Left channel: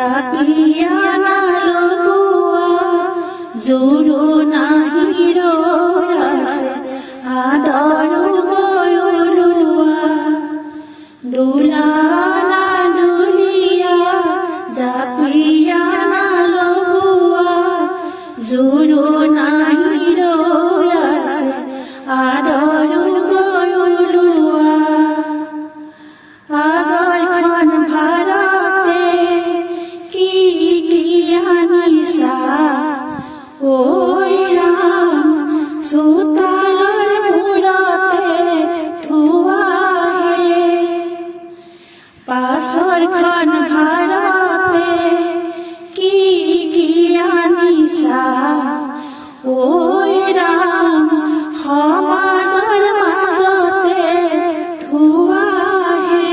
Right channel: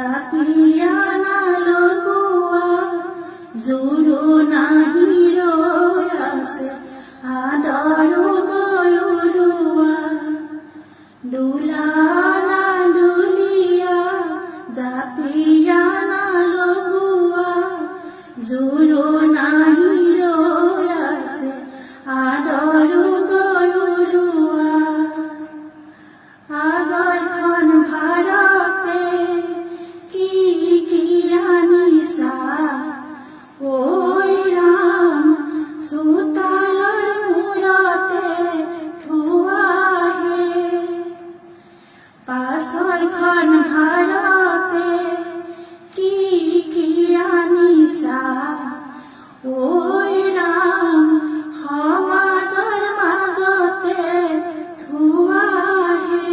জাপিয়া নালগোৱা জোৰো নাহি ৰৈ আছে আদৰো গয়লোৱা দোলা না দুলিয়া জাপিয়া নালগোৱা জোৰো নাহি ৰৈ আছে আদৰো গয়লোৱা আগৰখন ভাৰতে কি কি আনিছা ঐ ৰাম চোতালৰ মূৰতে থোৱাহে পাছৰখন ভাৰতে কি কি আনিছা ঐ ৰাম সমাজৰ মাজতে থোৱাহে